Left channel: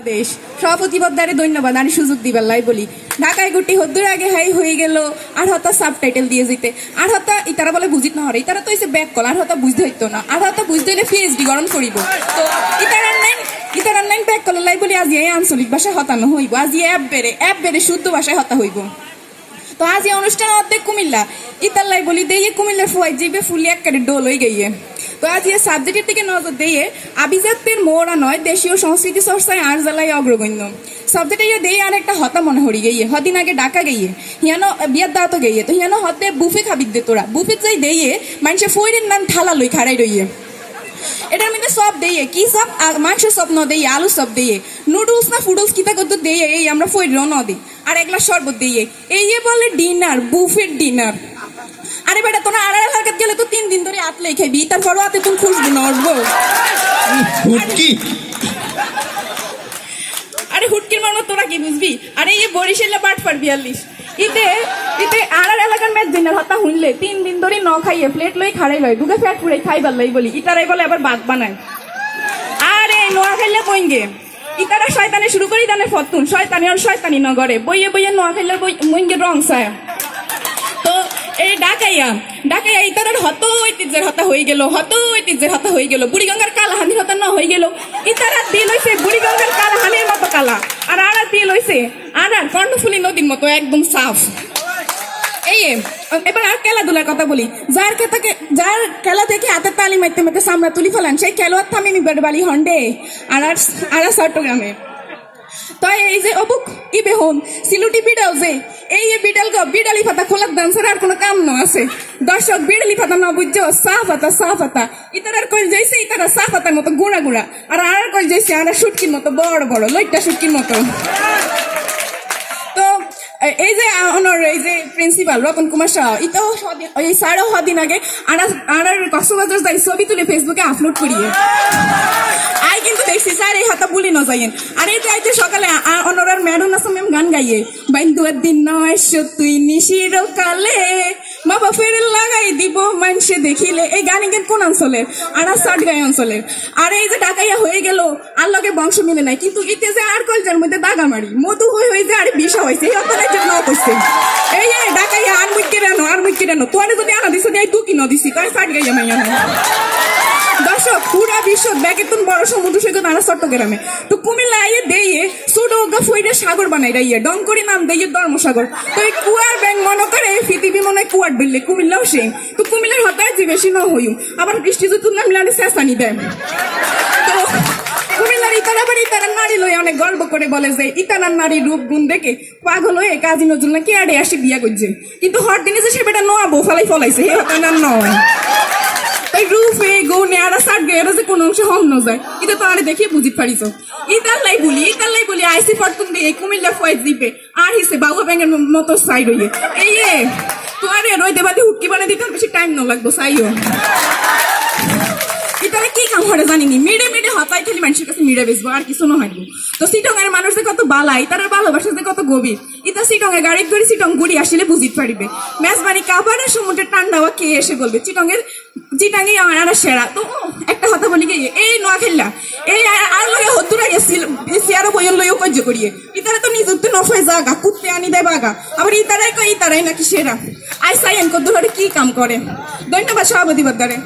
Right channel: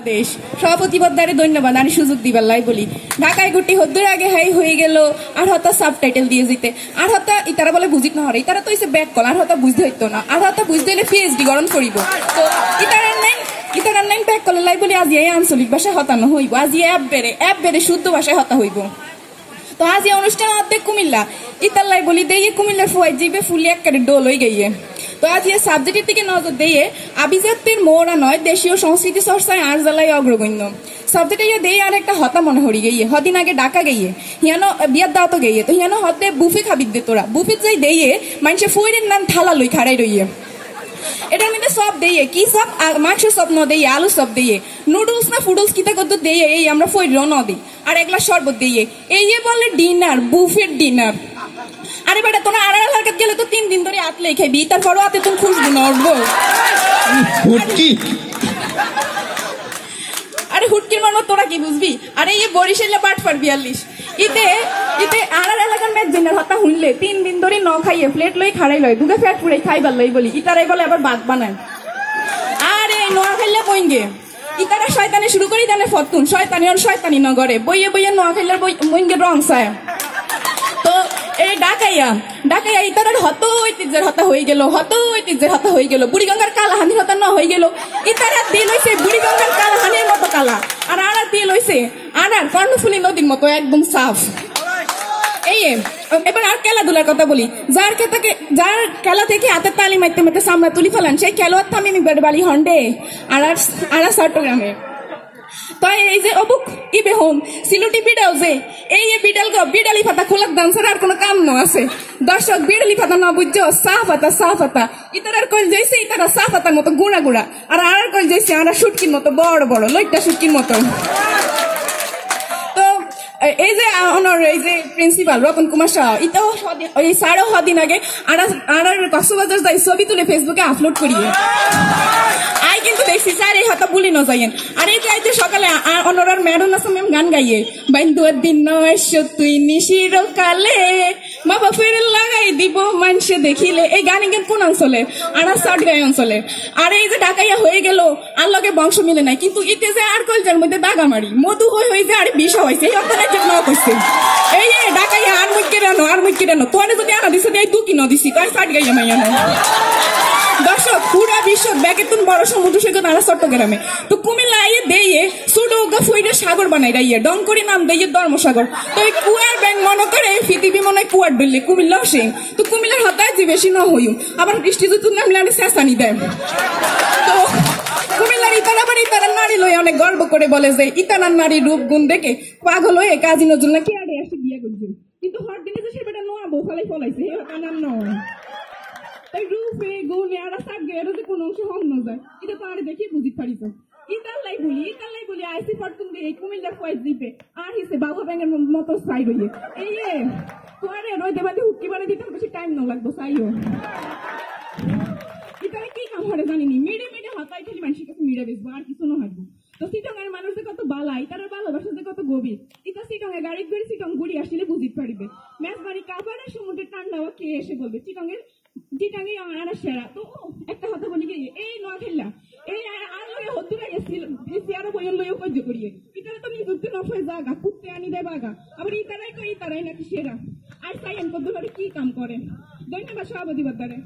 দেশ সভাপতি পদ্মারে ধন্যবাদ আমি সুযোগ দিবার লাই বলি ঢাকায় গুটি হদ্দুর আগে হাই হয়ে গেল আর হতা সাবটাইটেল দিয়ে যেতে আর হতা ইতারা বলে বুঝিত না হরে ইতারা তো এসে ব্যাক কল আর হতা বুঝতে হইতো না আর হতা বুঝতে হলে পিএইচডি গরম করিব তো ইতারার নাইন ব্যাক কল লাই বলি আজি এই আঞ্চলিক ভাষায় হতানো হইব আজি অ্যাপ বেড়ে শুদ্ধ ভাষায় হতা হইব তো আজ এই অনুষ্ঠান অর্ধেক কুমিল্লা ইতার লাই বলি দিয়ে কুমিল্লা ফুয়াই জিবে ফুলি একেবারে ডোল হয়ে গিয়ে তো আজ এই সাবজেক্টের দিকে নজর দিয়ে আভিজাত্যের মোড়া নয় দেশীয় সংস্কৃতি চর্চায় আর জেলায় অগ্রগণ্য সাবজেক্টে দিয়ে আর একটা হতা মনে হরি গিয়ে হদিন আগে ডাকা গিয়ে হিয়ানো বিয়ার দাঁতো গিয়ে তো হিয়ানো হতে বুফে খাবি দে তোরা বুফে যাই দিয়ে মানুষের ফইরের নাম থালা লই খাড়াই রইয়ে এটার মধ্যে সব দিয়ে কি সব মাংসের সব ন দিয়ে আলু সব দিয়ে নুডলস না ফুডলস কিতা কত দিয়ে এই আমরা ফইর ন দিই আর এক গ্লাস শরবত দিয়ে এই যে বলে ডিনার বুফের ডিনার আরে বেটা তোরা আড়াই হারকাত গেলে তো 3 দিন ধরে আতলে খাবি তারপরও আতে তুমি খুশবু না উঠবো আরে হুটকির মারমা তোরা কি বুঝবি আরে এই বরিশালে বাটফার 42 ইতে আড়ার এলাকার ম্যাচ দিনের হতা হুনলে 3 দিন ধরে ন খাইয়ে প্লেট লই খাড়াই লয় দুগে ফ্যাট পুড়ে খাইবার লই বলি ইতারাই বলে আবার ভাত বানায় আরে নোয়া খাইলে বইঙ্গে ইতারা শয়তানি শুরু করি দানে ফতুন শয়তানি আর শয়তানি নগরে বইয়ে বইয়ে নোয়া খাইলে বইঙ্গে রং সায় তো এই ডাকাইয়া ইতারার হত ঐতিহ্যের হতা হয়ে গেল বুড়িগঙ্গার কালাহানির হতা না হয়ে গেল ইতারা দিয়ে লইছে বুড়িগঙ্গার কালাহানির মতো কালা আর আর দিয়ে লইছে আর কর্ণফুলী নদীর মতো একদম সাফ এই এবার আর খেলাধুলার কথা বলি যার খেলা থেকে হাতের তালি মারতে মারতে সামরা তুলি ফেলান সেই খেলোয়াড় থামিনি বেড়বালি হন্ডে আর চট্টগ্রামে তো এই যে অবুক কি বেহন সিলুটি বিড়াল যে এই বিড়ালি পাতা খোলার দাম ছাড়া আর কোনো কাম ন আছে দর্শক বিড়ালি পাতা না বুঝছো সাফ হাতা ইতারার কইল যাইছে ইতারা সাফ হাতার মতো গুড়া আর কইল যাইছে আর শুটকির মতো বড় লইটা শুটকির মতো তো এই যে অনর এই যে প্রিন্সিপাল রতন কুমার শাহ ইতাও এই সাড়ে দিন আগে আর কক্সবাজার যাই ছবি তুলে ফেসবুকে আপলোড করিয়ে আই কিন্তু দেখছি স্যার এই হাতা বুলি নজাইয়েন আর এই যে সকালে অনরার ম্যাডাম আছে ম্যাম গান গাইয়ে বাইন্দুয়ার দিন নয় তুই নিশির কালে বাবা ফের লাগাই দিব মানুষে দেখিলে এই গান কোন অঞ্চলের আর সাটগাই অঞ্চলের আর এই যে ডাকাইয়া হয়ে গেল আর লগে বংশ মিলে নাই কিন্তু ইতে যে আর কলজার মধ্যে দাগামারি মধু হয়ে যে আর বিষ হয়েছে এই অন্তরের জন্য করছে এই ডাকাইয়া আর মুখকে রানো তোর যদি আনা দিস তুই কি ন দিছি তাই সাটগাইয়া মাইয়া দর্শক পুরা বিশ্ব ব্যাগে তুমি বড় সমুদ্র সৈকত আর চট্টগ্রামে তো কুমিল্লা আইয়ে দিয়ে ছোটো ফইরে সাগর বানাই রাইয়ে ডং করে নাম দিয়ে ধর্মসাগর তো এই কুয়ার ব্যাংক মনে করে পৃথিবী মনে হয় কুয়ার বিল্লে কুমিল্লাও সেই তো কুমিল্লার হতায় যে বেশি ন হইম আবার বৃষ্টি যদি নামলে চেঁচানি দেয় তো কুমিল্লার ইতারা নারী লয়ে অনেক গর্ব করে বলে যে ইতানার নারী রূপ গুণ দেখে পাগল হয়ে কাজী নজরুল নাকি আড়ে আসি বিয়া করছে কিন্তু হর দিনে যে সে বেটা নোয়া বউ ফলাইছে হে হতানার নয় তাই রূপে গৌনে আর সাট গে যে কোন অংশে হম ন যায় এটা তো আরে দেখিয়ে বুঝিতে পারিস ইতার লাই বলি আইসি ফটকুন দিয়ে কুমিল্লা ফয়েজ দিবে আর হিসে বাবু ব্যাঙের মতো সাইড হইয়ে এই তো আরে রই দেবাদি হুটকি বানিয়ে দিতে বেশি টাইম ন লাগবো সাইও ইতারা কি কাম করে জানিনি মেডে হতাই খালি মানুষের কাছে মিড়ে বেসবো আর কিছু না হইব তো সিটংয়ের মানুষ যে কত বালাই তারা ভালোবাসা যে কত গভীর ইতা সিটংয়ে গাড়ি করে সিটং গুড়ি আসলে বুঝিতে পারিবে মেজবানি কাবারের সমুদ্রের ঠান্ডাওয়া কে এসে বলবে চিটাঙ্গে আমার আর সেরা তো একটা কথা বলি গিয়ে এই নোয়া খেললা এই আর লইয়া হদ্দুরা গেছিল সিয়ারো বইয়ের লইও কজ্য করিয়ে ইতারা তো নিজুতে নফে জাগা কুত্তে আনি দেয় বাগা আবার ইতারাই নাকি সেরা আই সাইন কদ্দুরে কি কাম করে ধন্যবাদ সভাপতি বদ্দারে